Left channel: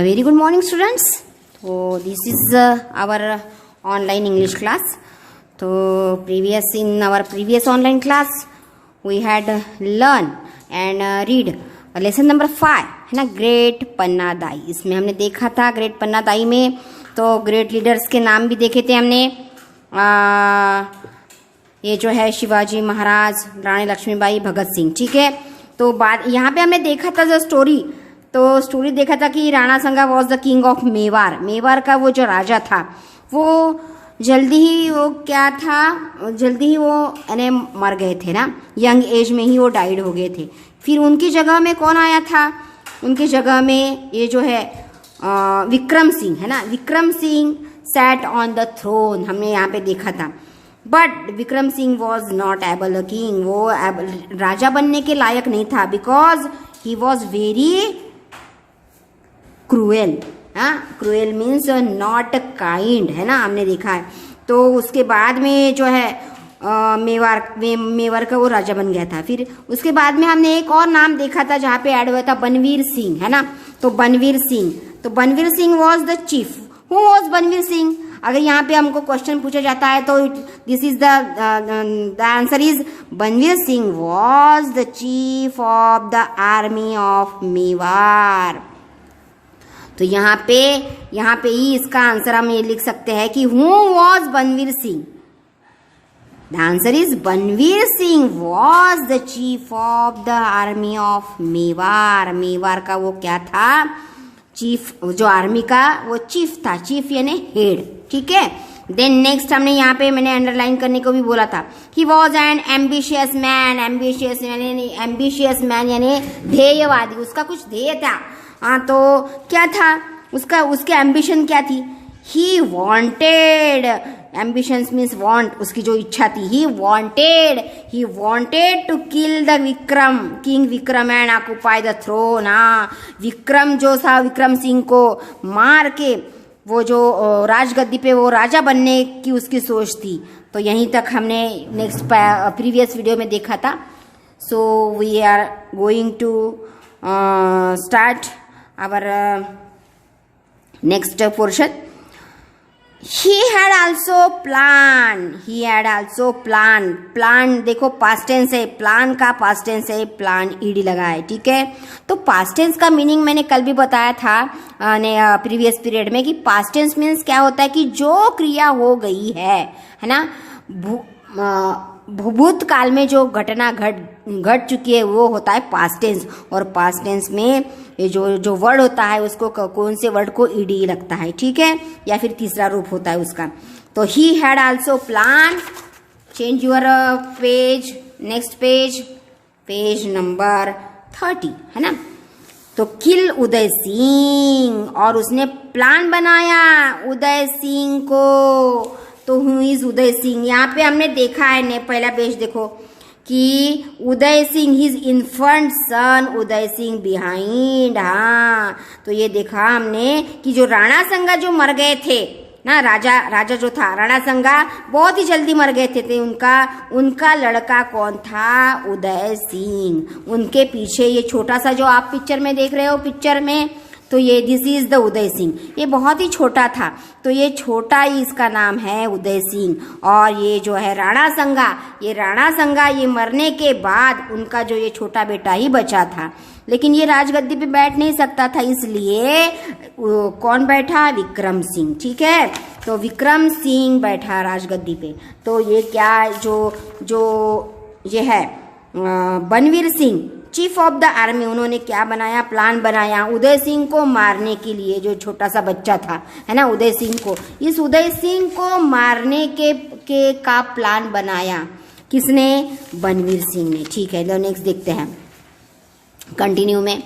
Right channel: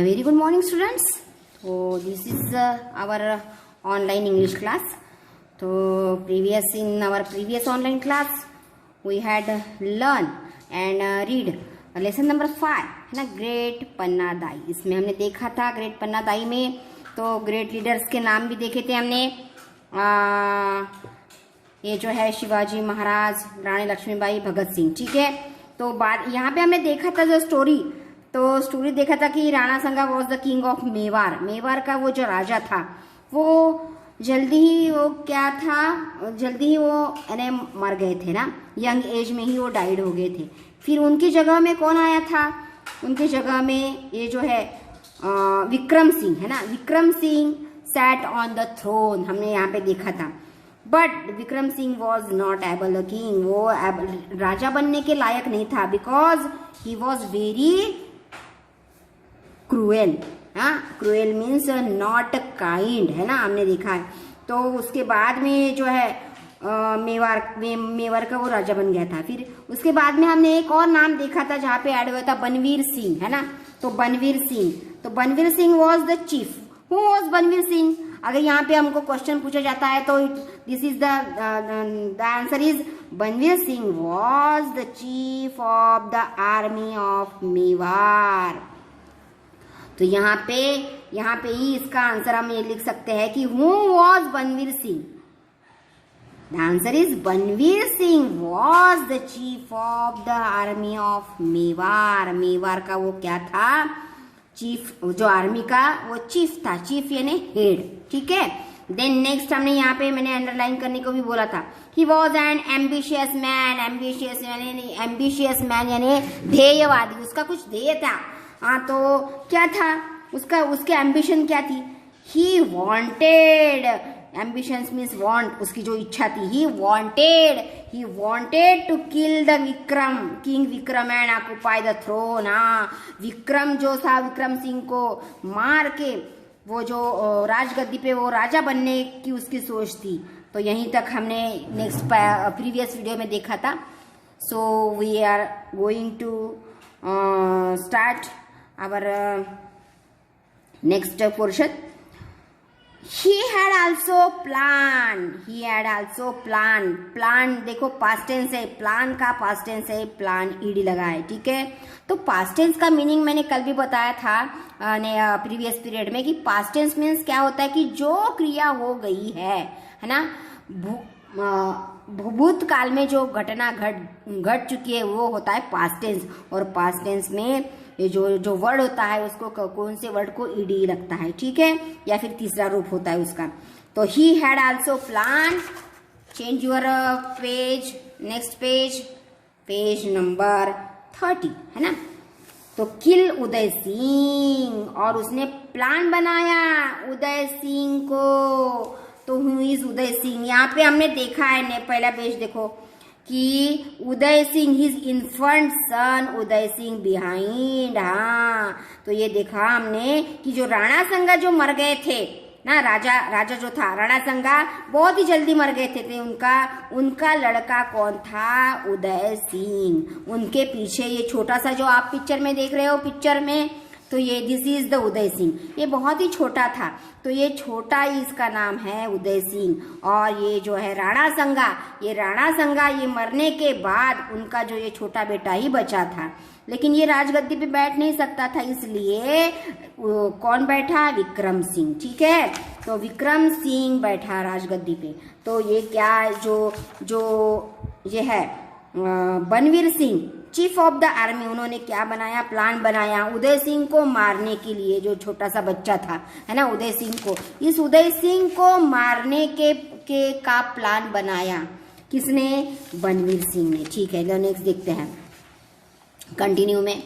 A very good morning, students. So this is our online English class. So in our previous online class we had learn and read lesson number 5 है ना, great पन्ना दाई. इसमें हमने देखा था great पन्ना दाई में तो great leaders के नाम भी देखे थे हमने. ये जो है शिवाजी महाराज, रानी लक्ष्मीबाई, भगत सिंह. ठीक है, तो बात यहाँ पे हमने देखा था जो स्टोरी देखा था कि राणा संगा was the king of Mewar. Mewar का वो जो राजा था वो जल्दी ही वो यानी मर गए थे ना, यंग एज में ही वो डाइड हो गए थे. फिर उनकी जगह में कौन आया था? उनकी जगह में ये जो है विक्रम सिंह है ना. Vikram Singh sat on the throne, हमने यहाँ पे देखा था. But Vikram Singh was not able a king, वो राजा बनने के लायक नहीं था, because he was very cruel. हाँ, क्रूएल मीन्स नॉट काइंड है ना, हमने देखा है. तो उसके बाद में जो है मेवार का वो राजा बन गया था. फिर उसके बाद में हमने एक और नाम देखा था जहाँ पे ऐड हुआ था बनवीर सिंह है ना. तो Banvir Singh was the chief. Who was Banvir Singh? अगर यहाँ पे हमको क्वेश्चन पूछा जाता है तो this is the answer is Banvir Singh was the chief of the army of Mewar. तो यहाँ पे ही इसका आंसर हम ये लिख सकते हैं कि who was Banvir Singh. The answer is Banvir Singh was the chief of the army of Mewar. Mewar का वो क्या था? चीफ. जो आर्मी का वो चीफ था. चीफ यानी हेड. ठीक है. देन नेक्स्ट हमने यहाँ पे मैंने अंडरलाइन करने को भी बोला था. He was an ambitious man. Ambitious man यानी ध्येयवादी. उसका कुछ ध्येय था. हाँ, तो क्या था उसके एम्बिशन क्या थी? He wanted. Ambitions means want, उसकी जो इच्छा थी. He wanted to kill the king Vikram and occupy the throne. हाँ, विक्रम जो था, विक्रम सिंह को मार के वो जो राजगद्दी पे वो राजा बनने की उसकी सोच थी. तो यहीं तक हमने नेक्स्ट प्रीवियस वीडियो में देखा था. So we are going to start our next portion. He had also planned. Plan देखो पास्ट टेंस है, प्लान का पास्ट टेंस है, प्लान ईडी लगा है. ठीक है, तो पास्ट टेंस का मीनिंग मैंने कल भी बताया था प्रीवियस पीरियड में कि पास्ट टेंस मीन्स क्या होता है कि जो क्रिया हो गई है ना, भूतकाल में जो घटना घट चुकी है वो होता है पास्ट टेंस. और पास्ट टेंस में ये जो वर्ड होता है उसको कौन से वर्ड को ईडी लगता है. ठीक है, या फिर तीसरा रूप होता है उसका. तो he had also plan. Change your page, next page number 30 है ना. तो किल उदय सिंह, और उसने प्लान बनाया उदय सिंह को. तो हु इज उदय सिंह? यहाँ पे हमने देखा है पहला पेज देखो कि उदय सिंह हिज इन्फेंट सन उदय सिंह बिहाइंड. हाँ, तो ये देखा हमने कि जो राणा संगा जो मर गए थे ना, राजा जो था राणा संगा बहुत ही जल्दी मर गए थे. उनका लड़का कौन था? उदय सिंह. उनके पीछे ये छोटा सा जो आप पिक्चर में देख रहे हो पिक्चर में, तो ये this is the Uday Singh. ये बहुत ही छोटा था, तो ये छोटा ही इसका नाम है उदय सिंह. और ये जो है राणा संगा ये मरने के बाद उनका जो ये छोटा बेटा ही बचा था. लेकिन ये राजगद्दी पे बैठ नहीं सकता था, इसलिए कौन बैठा? विक्रम सिंह. ठीक है, तो विक्रम सिंह बैठा राजगद्दी पे. तो ये क्या जो ये है Banvir Singh chief of the army, उन्होंने क्या बनाया? प्लान बनाया उदय सिंह को मारने के लिए. जो छोटा सा बच्चा था है ना, उदय सिंह को, इस उदय सिंह को मारने के का प्लान बनाया किसने? बनवीर सिंह ने. ठीक है, नेक्स्ट देखते हैं कंटिन्यू में.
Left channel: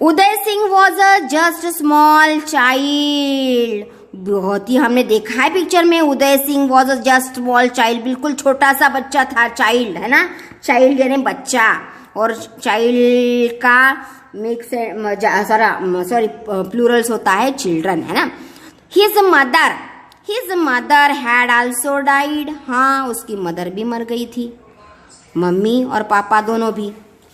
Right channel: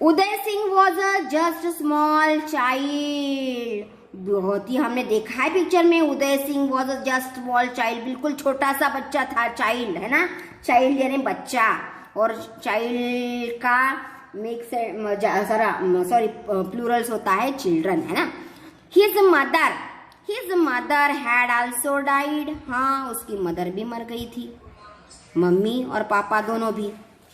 Uday Singh was a just small child. बहुत ही हमने देखा है पिक्चर में, Uday Singh was a just small child, बिल्कुल छोटा सा बच्चा था. चाइल्ड है ना, चाइल्ड यानी बच्चा, और चाइल्ड का मिक्स सॉरी प्लूरल्स होता है चिल्ड्रन है ना. His mother had also died. हाँ, उसकी मदर भी मर गई थी, मम्मी और पापा दोनों भी.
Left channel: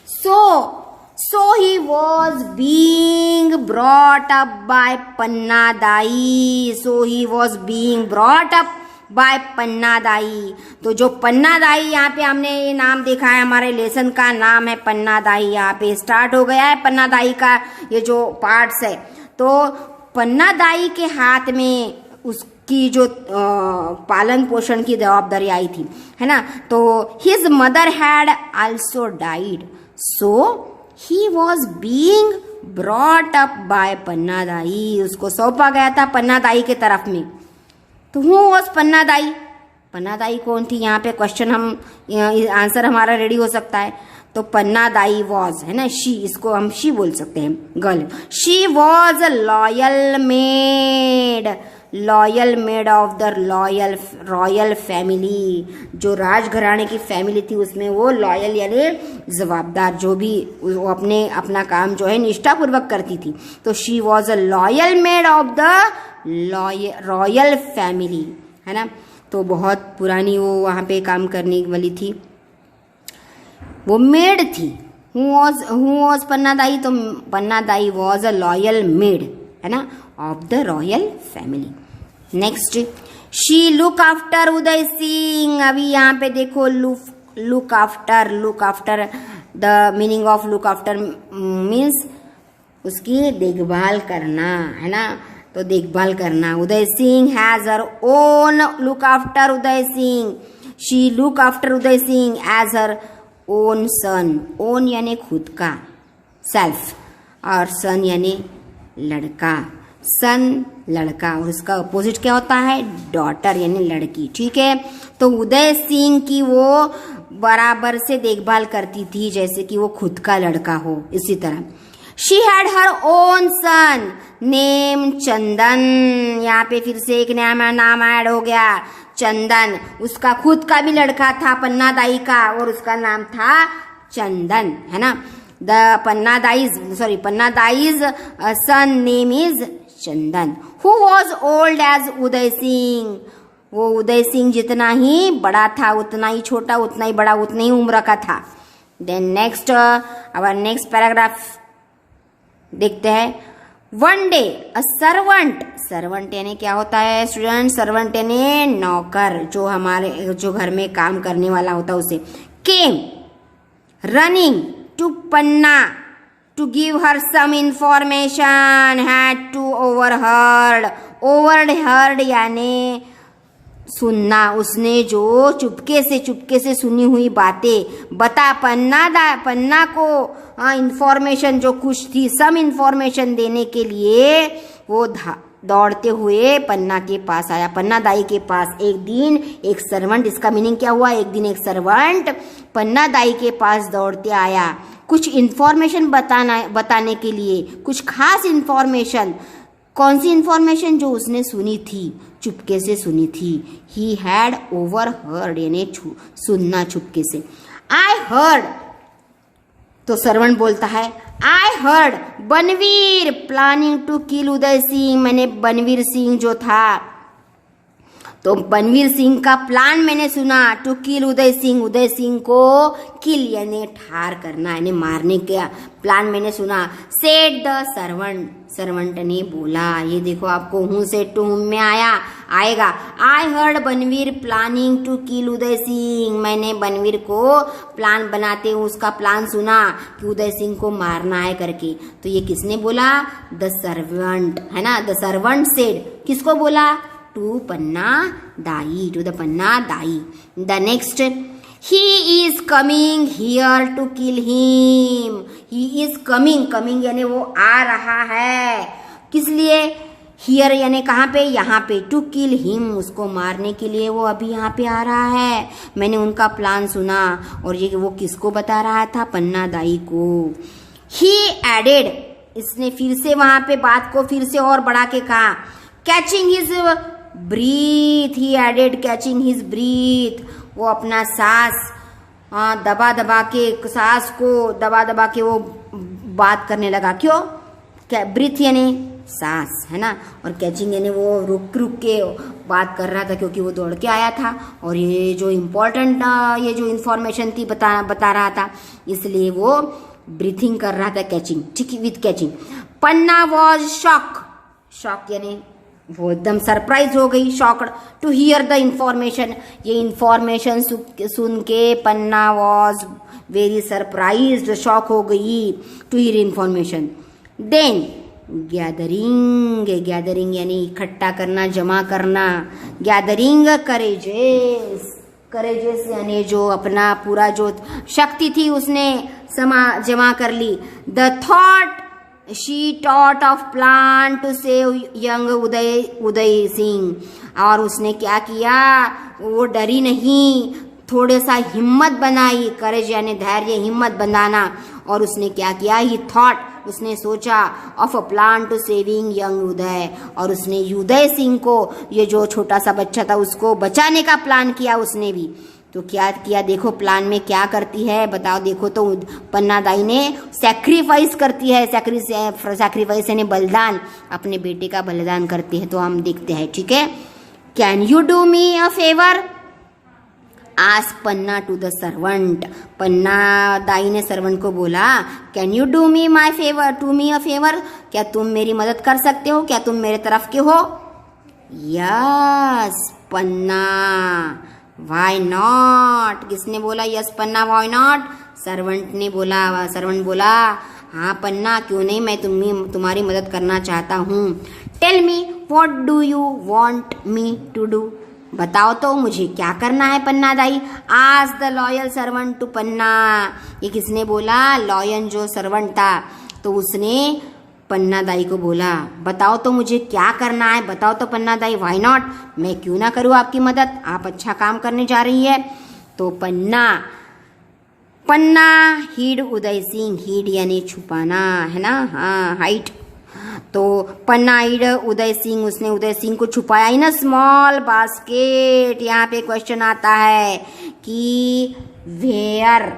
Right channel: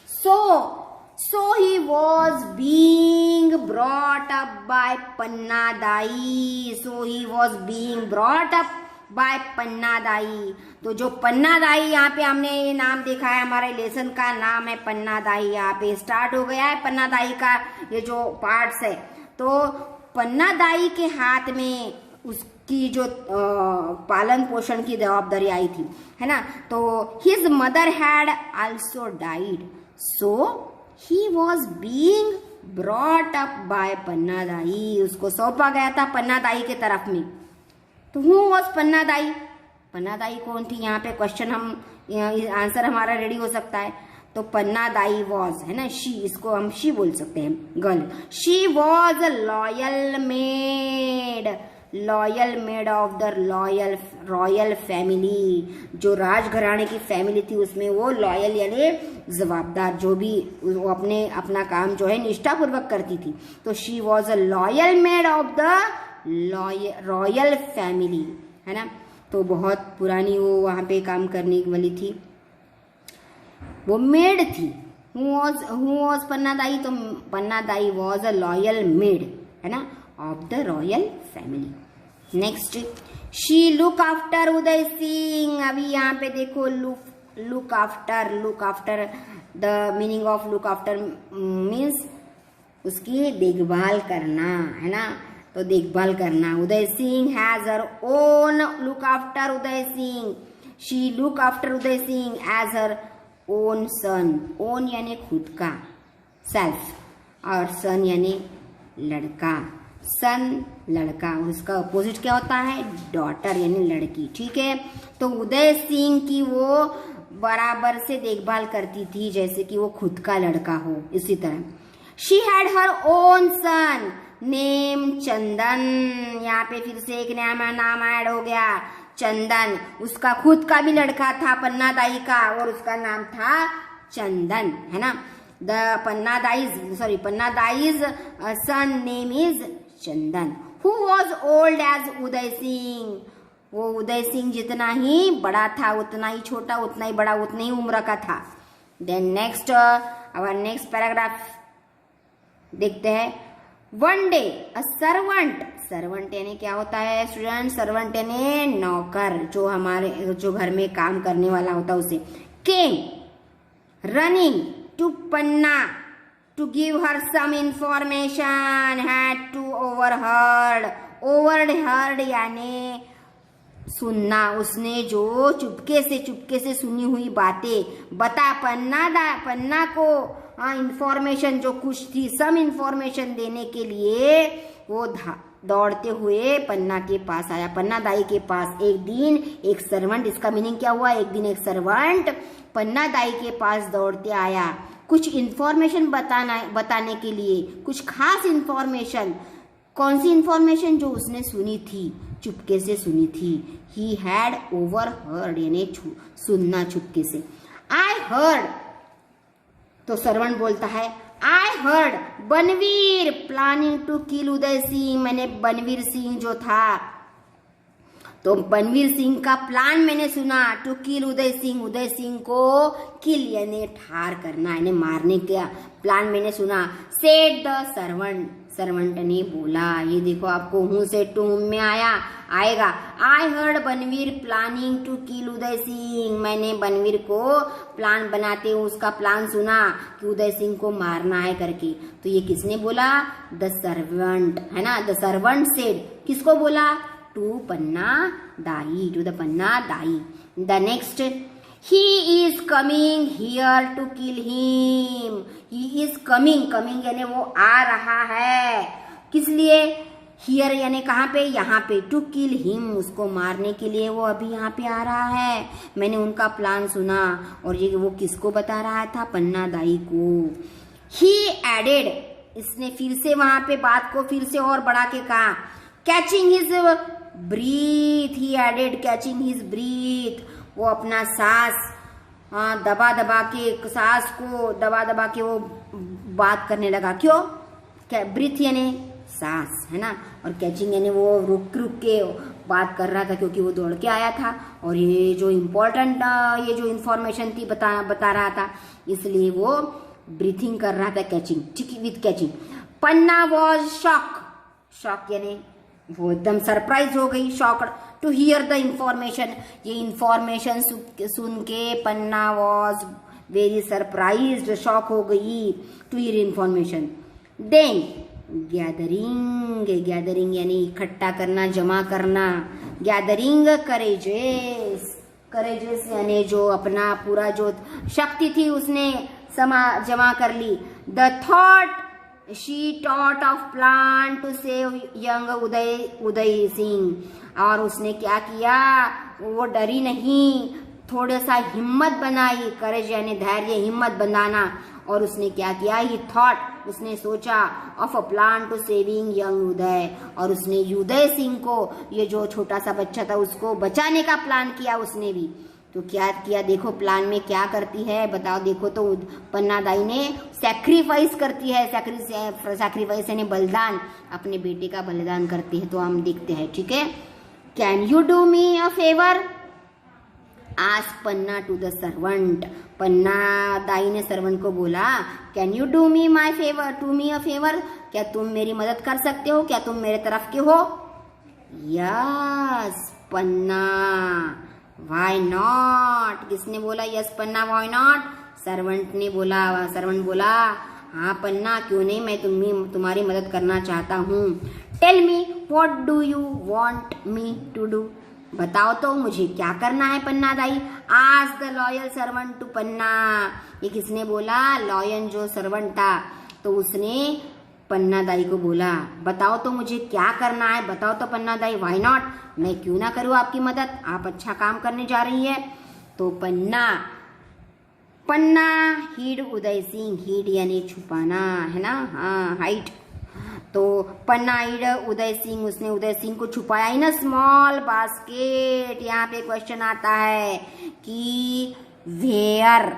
So he was being brought up by Panna Dai, so he was being brought up by Panna Dai. तो जो पन्ना दाई, यहाँ पे हमने ये नाम देखा है, हमारे लेसन का नाम है पन्ना दाई। यहाँ पे स्टार्ट हो गया है पन्ना दाई का ये जो पार्ट्स है। तो पन्ना दाई के हाथ में उसकी जो पालन पोषण की जवाबदारी आई थी, है ना। तो his mother had also died, so he was being brought up by Panna Dai. उसको सौंपा गया था पन्ना दाई के तरफ में। तो हु वॉज पन्ना दाई? पन्ना दाई कौन थी? यहाँ पे क्वेश्चन हम आंसर हमारा रेडी हो सकता है। तो पन्ना दाई वॉज, है ना, शी, इसको हम शी बोल सकते हैं, girl. She was loyal made, loyal made of the royal family. जो राजघराने की फैमिली थी उसमें वो लॉयल यानी जवाबदार, जो भी वो अपना काम जो है निष्ठापूर्वक करती थी। तो she was a loyal made of the royal family, है ना। तो बहुत पुरानी वो वहाँ पे काम करने वाली थी, वो मेड थी। Who was Panna Dai? तो Panna Dai was a loyal maid, है ना, of the royal family. Next, she look after Uday Singh. अभी यहाँ पे देखो look after the meaning of look after means उसकी देखभाल करना, है ना। तो देखभाल करना। Uday Singh has her own look after Uday Singh, she look after Uday Singh as her own son. Own यानी खुद का, सेल्फ, और सन यानी लड़का। सन लड़का, और उसका अपोजिट क्या होता है? डॉटर यानी लड़की, ठीक है। तो उदय सिंह की वो बराबर से देखभाल करती थी जैसे कि वो खुद का लड़का हो। इसी तरह she had her own son name Chandan. यहाँ पे फिर से एक नया नाम ऐड हो गया, चंदन। उसका खुद का भी लड़का था पन्ना दाई का, और उसका नाम था चंदन, है ना। Panna Dai's son name is Chandan. Who was old age Uday Singh? वो उदय सिंह जितना ही बड़ा था उतना ही छोटा, उतना ही बड़ा, उतनी ही उम्र का था। Then next, our next paragraph देखते हैं। वन डे अ सर्वेंट यानी क्या होता है स्टूडेंट? सर्वेंट यानी नौकर, जो घर में काम करने वाला होता है उसे। Came running to Panna to give her some information, had to overheard यानी सुनना। उसने जो चुपके से सुनी हुई बातें बता पन्ना को इंफॉर्मेशन जो कुछ थी, सम इंफॉर्मेशन देने के लिए वो दौड़ते हुए पन्ना के पास आया, पन्ना दाई के पास। एक दिन एक सर्वेंट, इसका मीनिंग क्या हुआ? एक दिन एक सर्वेंट पन्ना दाई के पास दौड़ते आया कुछ इंफॉर्मेशन बताने के लिए, कुछ खास इंफॉर्मेशन। कौन सी इंफॉर्मेशन? जो उसने सुनी थी, चुपके से सुनी थी। ही हैड ओवरहर्ड यानी सुनना चुपके से। आई हर्ड, तो सर्वेंट बोलता है I heard Banvir planning to kill Uday Singh. मैंने बनवीर सिंह जो था, तो बनवीर सिंह का प्लान मैंने सुना टू किल उदय सिंह को किल यानी ठार करना यानी मारने का प्लान मैंने सुना। सेड द सर्वेंट ने बोला। ये देखो आपको हूँ से टू में आएगा। I heard Banvir planning to kill Uday Singh. मैंने बनवीर को प्लान बनाते हुए उसका प्लान सुना कि उदय सिंह को मारना है करके। तो ये किसने बोला? द सर्वेंट, है ना। द सर्वेंट सेड, किसको बोला? To Panna Dai, to the Panna Dai. The next, he is coming here to kill him. he is coming यानी वो आ रहा है। किस लिए? here यानी कहाँ पे? यहाँ पे। to kill him उसको मारने के लिए वो अभी यहाँ पे आ रहा है। मैंने उनका प्लान सुना। और ये वो किसको बता रहा था? पन्ना दाई को। he added, इसने फिर से वहाँ पे बात को फिर से और बढ़ा के कहा, catching his breath, he added catching his breath। वो अपना सांस दबा के सांस को दबा के वो बात करने लगा। क्यों? क्या? ब्रीथ यानी सांस, है ना। और कैचिंग यानी वो रुक के बात कर रहा था क्योंकि वो दौड़ के आया था और ये जो इम्पोर्टेंट ये जो इन्फॉर्मेशन थी बता रहा था, इसलिए वो ब्रीथिंग कर रहा था। कैचिंग, ठीक, with catching. Panna was shock यानी वो एकदम सरप्राइज हो गई, shocked to hear the information, ये इंफॉर्मेशन सुन के Panna was very surprised, shock हो गई to hear information. Then gathering यानी इकट्ठा करना, जमा करना, गैदरिंग करेजेस यानी जो अपना पूरा जो शक्ति थी उसने जमा कर ली। The thought she taught of plan to save young Uday Singh, और उसने क्या किया, वो डरी नहीं, थोड़े सा हिम्मत बनाई, करेज यानी धैर्य, हिम्मत बनाना, और उसने क्या किया, ही थॉट उसने सोचा of a plan to saving young Uday, और उसने उदय सिंह को, ये जो छोटा सा बच्चा था उसको बचाने का प्लान किया उसने भी। तो क्या किया देखो, प्लान में क्या करती है बताओ, देखो तो पन्ना दाई ने सैक्रिफाइस करती है, सैक्रिफाइस यानी बलिदान, अपने बेटे का बलिदान करती है। तो हम देखते हैं, ठीक है। Can you do me a favour, ask Panna to the servant, Panna Dai ने सर्वेंट को बोला, can you do me my favour, to me a favour, क्या तुम मेरी मदद कर सकते हो, क्या तुम मेरे तरफ के हो। यस पन्ना, वाई नॉट, किसने बोला yes Panna why not, servant ने बोला, सर्वेंट बोला हाँ पन्ना क्यों नहीं, मैं तुम्हारी मदद करना चाहता हूँ। Tell me what do you want me to do, बताओ तो मुझे क्या करना है पन्ना दाई। आज the loyal servant to Panna, ये किसने बोला, लॉयल जो सर्वेंट था, तो उसने पन्ना दाई को बोला बताओ तो मुझे क्या करना है, बताओ तो पन्ना दाई, व्हाई नॉट, मैं क्यों ना करूँ आपकी मदद, आप अच्छा काम करने जा रही है। तो पन्ना हीड उदय सिंह, हीड यानी छुपाना है ना, हाँ हाइट, तो पन्ना हीड उदय सिंह, उसने उदय सिंह को छुपाया इन अ स्मॉल बास्केट। यहाँ पे क्वेश्चन आता है कि वेयर,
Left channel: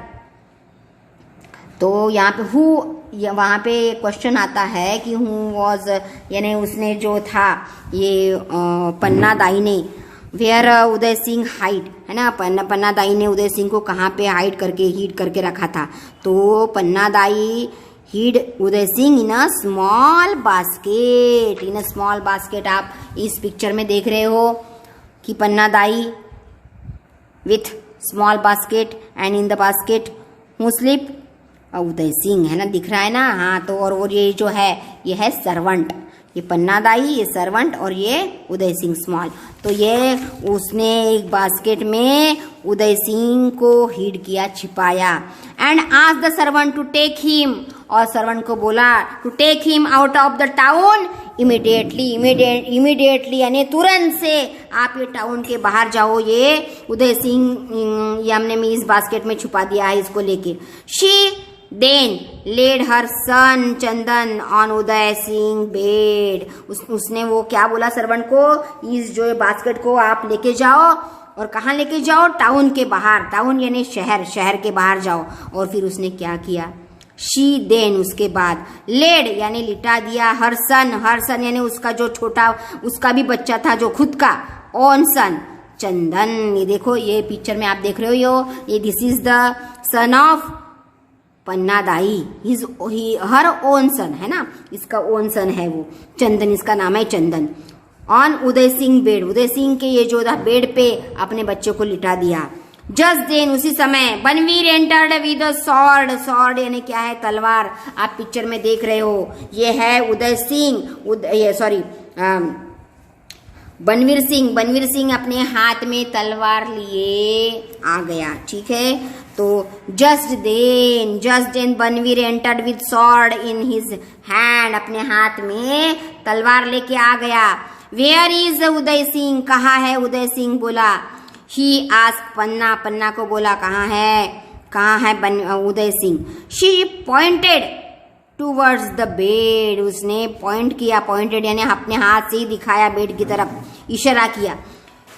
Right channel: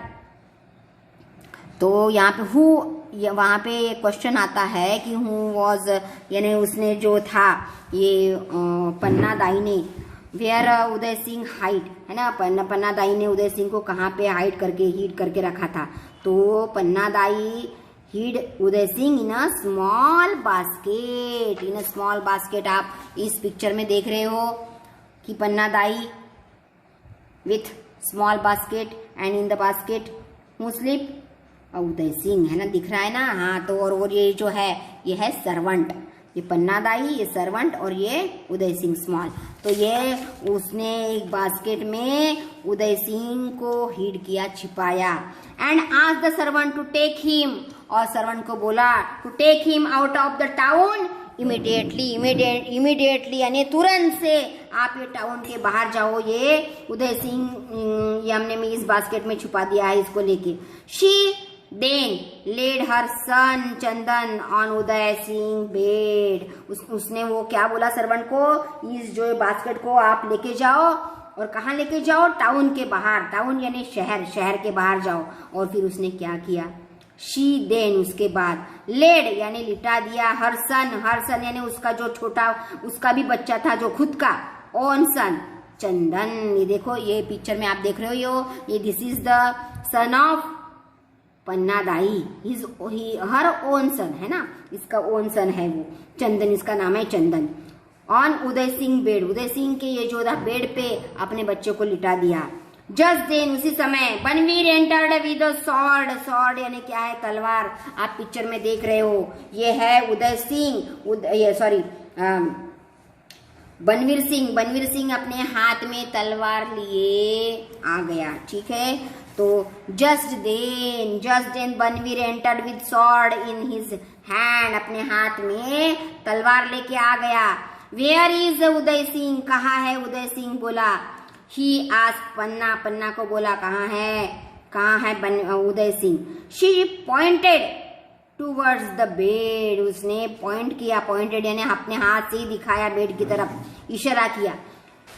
तो यहाँ पे हु, वहाँ पे क्वेश्चन आता है कि हु वॉज, यानी उसने जो था ये पन्ना दाई ने, वेयर उदय सिंह हाइड है ना, पन्ना दाई ने उदय सिंह को कहाँ पे हीड करके रखा था। तो Panna Dai hid Uday Singh in a small basket, in a small basket. आप इस पिक्चर में देख रहे हो कि Panna Dai with small basket and in the basket who sleep, Uday Singh है ना, दिख रहा है ना, हाँ। तो और वो ये जो है ये है सर्वेंट, ये पन्ना दाई, ये सर्वेंट, और ये उदय सिंह स्मॉल। तो ये उसने एक बास्केट में उदय सिंह को हीड किया, छिपाया। And asked the servant to take him, और सर्वेंट को बोला to take him out of the town immediately यानी तुरंत से आप ये टाउन के बाहर जाओ, ये उदय सिंह ये हमने इस बास्केट में छुपा दिया है इसको लेके। She then led her son Chandan on Uday Singh bed, उसने वो क्या बोला सर्वेंट को, इस जो बास्केट को आप लेके जाओ, और कहाँ लेके जाओ, टाउन के बाहर, टाउन यानी शहर के बाहर जाओ। और फिर उसने क्या किया, शी देन उसके बाद लेड यानी लिटा दिया, हर सन यानी उसका जो छोटा, उसका भी बच्चा था जो खुद का, ओन सन चंदन। ये देखो ये पिक्चर में आप देख रहे हो, ये this is the son of Panna Dai, her own सन है ना, इसका ओन सन है वो चंदन, इसका नाम है चंदन। ऑन उदय सिंह बेड, उदय सिंह के ये जो था बेड पे अपने बच्चे को लिटा दिया। जस्ट देन उसी समय बनवीर एंटर्ड विद सॉर्ड यानी क्या है, तलवार। आप पिक्चर में देख रहे हो ये है उदय सिंह, बनवीर सिंह अपने हाथ में तलवार लिए आ गया, ठीक है। तो just then Banvir entered with sword in his hand, अपने हाथ में तलवार लेके आ गया। वेयर इज उदय सिंह, कहाँ है उदय सिंह, बोला। ही आस्क्ड पन्ना को बोला कहाँ है Uday Singh. She pointed towards the bed, उसने पॉइंट किया, पॉइंटेड यानी अपने हाथ से ही दिखाया बेड की तरफ, इशारा किया।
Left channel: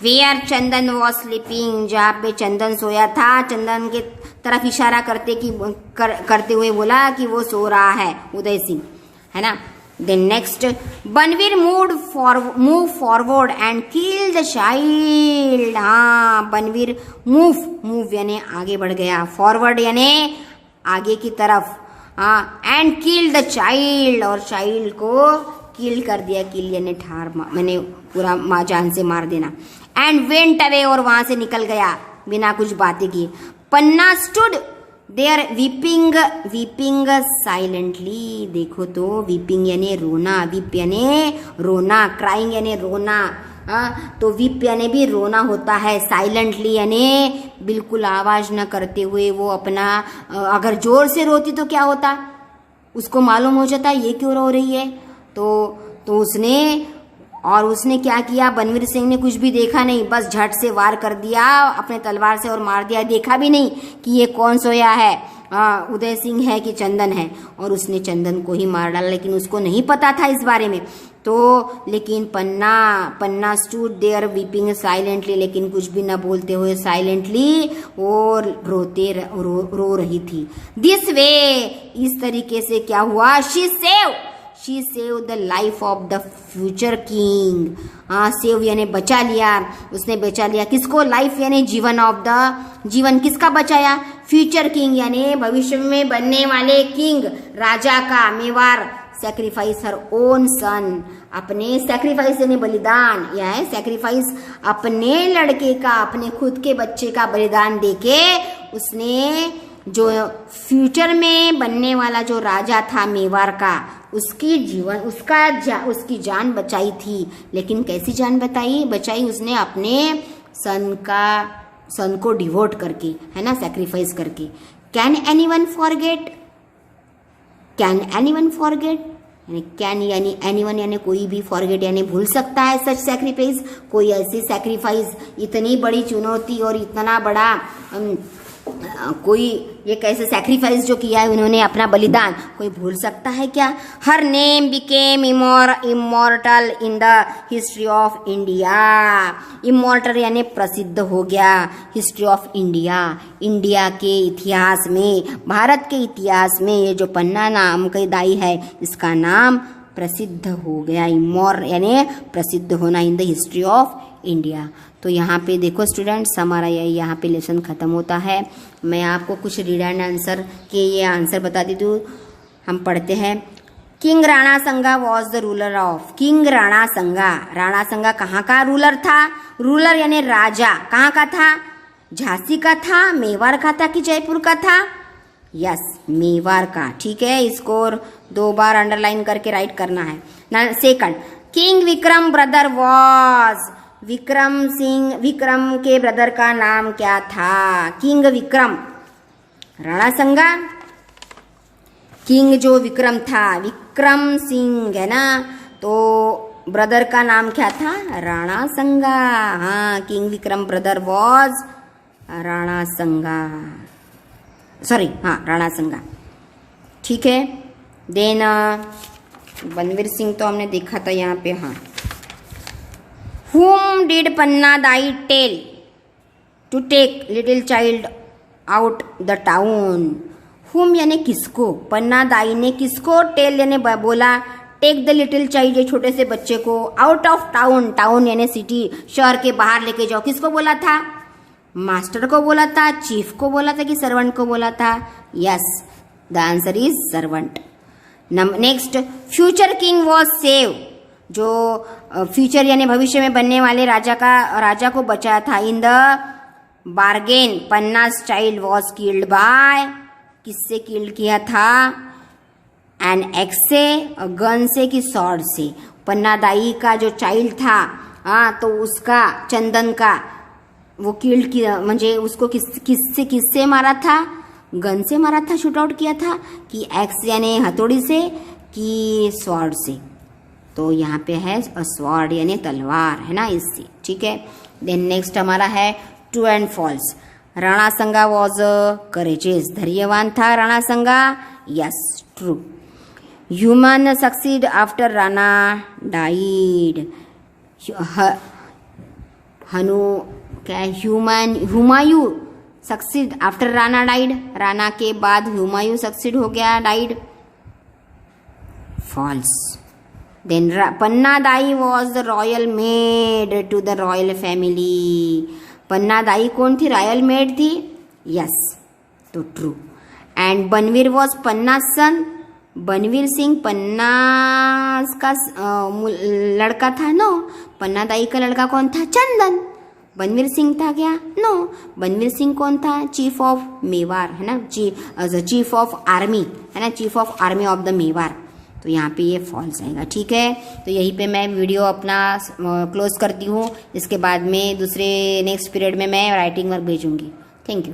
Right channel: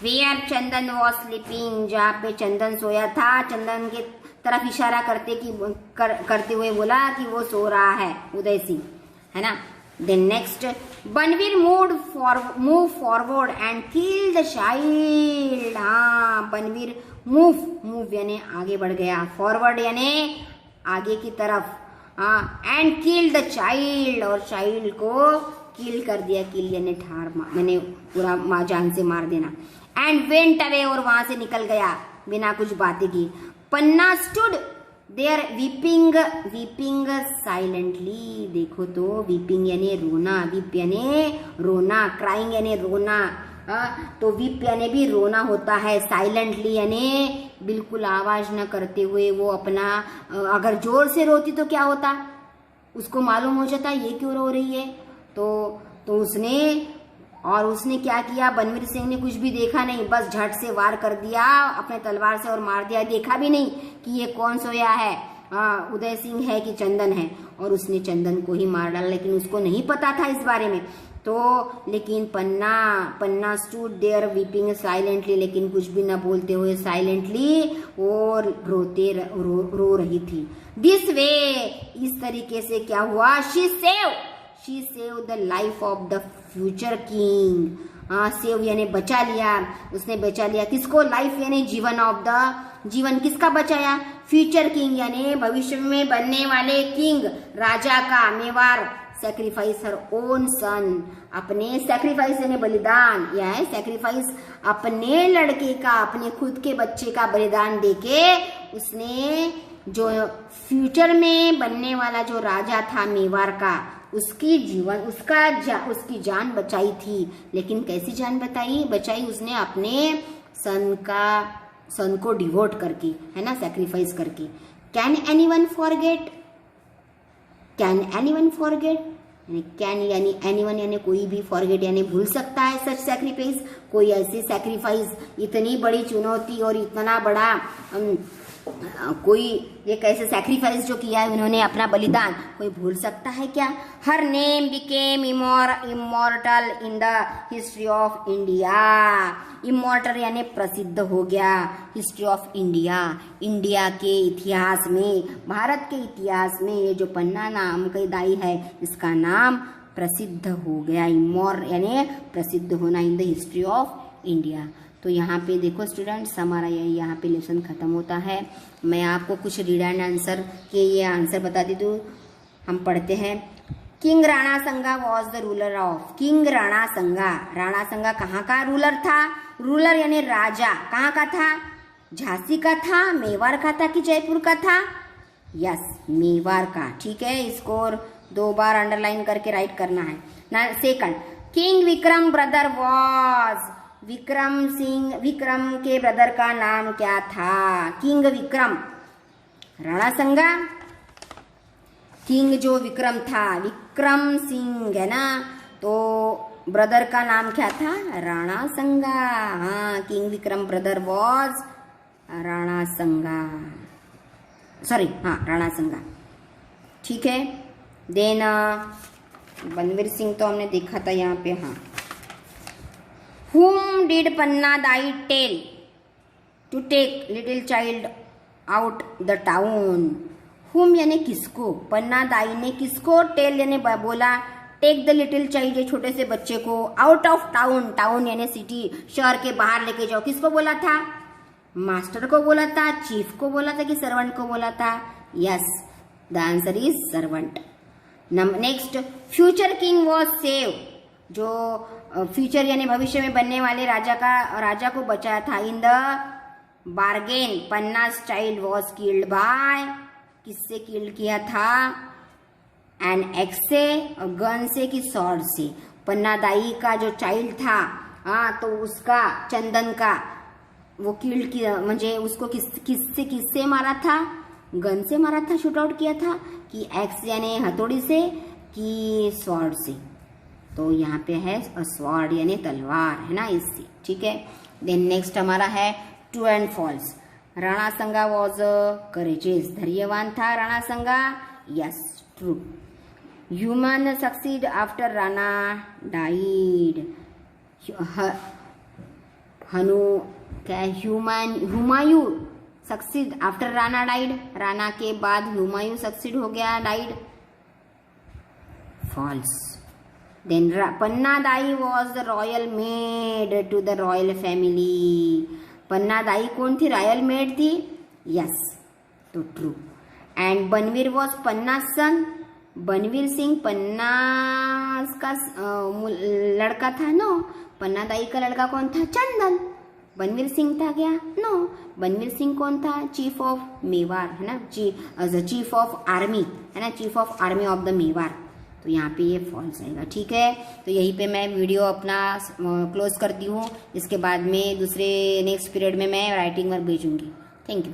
वेयर चंदन वॉज स्लीपिंग, जहाँ पे चंदन सोया था, चंदन के तरफ इशारा करते हुए बोला कि वो सो रहा है उदय सिंह, है ना। Then next Banvir move forward and kill the child. हाँ बनवीर मूव यानी आगे बढ़ गया, फॉरवर्ड यानी आगे की तरफ, एंड किल द चाइल्ड, और चाइल्ड को किल कर दिया, किल यानी मैंने पूरा जान से मार देना। एंड वेंट अवे, और वहां से निकल गया बिना कुछ बातें की। पन्ना स्टूड देयर वीपिंग साइलेंटली, देखो तो वीपिंग यानी रोना, वीप यानी रोना, क्राइंग यानी रोना, तो वीप यानी भी रोना होता है। साइलेंटली यानी बिल्कुल आवाज न करते हुए वो अपना, अगर जोर से रोती तो क्या होता, उसको मालूम हो जाता ये क्यों रो रही है, तो उसने क्या किया, बनवीर सिंह ने कुछ भी देखा नहीं, बस झट से वार कर दिया अपने तलवार से और मार दिया। देखा भी नहीं कि ये कौन सोया है, उदय सिंह है कि चंदन है, और उसने चंदन को ही मार डाला, लेकिन उसको नहीं पता था इस बारे में। तो लेकिन पन्ना स्टूड देयर वीपिंग साइलेंटली, लेकिन कुछ भी न बोलते हुए साइलेंटली वो रो रही थी। दिस वे, इस तरीके से क्या हुआ, she save the life of the future king. Save यानी बचा लिया, उसने बचा लिया किसको, लाइफ यानी जीवन ऑफ द, जीवन किसका बचाया, फ्यूचर किंग यानी भविष्य में बनने वाले किंग, राजा का, मेवार। सैक्रिफाइस हर ओन सन, अपने सैक्रिफाइस यानी बलिदान, यह है सैक्रिफाइस, अपने लड़के का, अपने खुद के बच्चे का बलिदान देके उसने जो फ्यूचर में बनने वाला जो राजा था मेवाड़ का, उसकी जीवन उसकी जान बचाई थी। लेकिन कैसी जान बचाई, उसने अपने सन को डिवोट करके, है ना, सैक्रिफाइस करके। कैन एनीवन फॉरगेट, यानी कैन यानी एनीवन यानी कोई भी, फॉरगेट यानी भूल सकता है सच सैक्रिफाइस, कोई ऐसी सैक्रिफाइस, इतनी बड़ी चुनौती और इतना बड़ा कोई ये कैसे सैक्रिफाइस जो किया है उन्होंने, अपना बलिदान, कोई भूल सकता है क्या। Her name became immortal in the history of India, immortal यानी प्रसिद्ध हो गया, हिस्ट्री ऑफ इंडिया, इंडिया के इतिहास में, भारत के इतिहास में ये जो पन्ना नाम की दाई है इसका नाम प्रसिद्ध हो गया, यानी प्रसिद्ध होना in the history of India. तो यहाँ पे देखो स्टूडेंट्स, हमारा यहाँ पे लेसन ख़त्म होता है। मैं आपको कुछ रीड एंड आंसर के ये आंसर बता दी दूँ, हम पढ़ते हैं। किंग राणा संगा was the ruler of, king Rana संगा कहाँ का रूलर था, रूलर यानी राजा, कहाँ का था, झांसी का था, मेवाड़ का था कि जयपुर का था, यस मेवाड़ का, ठीक है। इसको 2 बार अंडरलाइन करके राइट करना है। Second, king Vikram brother was, Vikram के ब्रदर का नाम क्या था, किंग विक्रम, राणा संगा, किंग जो विक्रम था, विक्रम सिंह है ना, तो ब्रदर का नाम क्या था, राणा संगा। हाँ, king Vikram brother was Rana संगा, सॉरी, हाँ राणा संगा, ठीक है। देन बनवीर सिंह तो हमने देखा था यहाँ पे, हाँ। Whom did Panna Dai tell to take little child out the town? Whom यानी किसको, पन्ना दाई ने किसको, टेल यानी बोला, टेक द लिटिल चाइल्ड ये छोटे से बच्चे को, आउट ऑफ टाउन, टाउन यानी सिटी, शहर के बाहर लेके जाओ, किसको बोला था, मास्टर को बोला था, चीफ को बोला था कि सर्वेंट को बोला था, yes the answer is servant. Next, future king was save, जो फ्यूचर यानी भविष्य में बनने वाले राजा को बचाया था। इन द बार्गेन पन्नास चाइल्ड वॉज किल्ड बाय, किससे किल्ड किया था, एन एक्स से, गन से कि सॉर्ड से। पन्ना दाई का जो चाइल्ड था तो उसका, चंदन का, वो किल्ड किया, म्हणजे उसको किससे मारा था, गन से मारा था, शूट आउट किया था, कि एक्स यानी हथौड़ी से कि स्वॉर्ड से। तो यहाँ पे है स्वॉर्ड यानी तलवार, है ना, इससे, ठीक है। देन नेक्स्ट हमारा है ट्रू एंड फॉल्स। राणा संगा वॉज करेजेस, धैर्यवान था Rana Sanga, yes true. Human succeed after Rana died, Humayun succeed after Rana died, Rana के बाद हुमायूं सक्सीड हो गया, died, falls. Then Panna Dai was the royal maid to the royal family. पन्ना दाई कौन थी, रॉयल मेड थी, यस तो ट्रू। एंड बनवीर वॉज पन्नास सन, बनवीर सिंह पन्नास का लड़का था। नो, पन्ना दाई का लड़का कौन था? चंदन। बनवीर सिंह था क्या? नो, बनवीर सिंह कौन था? चीफ ऑफ मेवाड़, है ना, चीफ ऑफ आर्मी, है ना, chief of army of the Mewar. तो यहाँ पे ये फॉल्स आएगा। ठीक है, तो यहीं पे मैं वीडियो अपना क्लोज करती हूँ। इसके बाद में दूसरे नेक्स्ट पीरियड में मैं राइटिंग वर्क भेजूंगी। Thank you.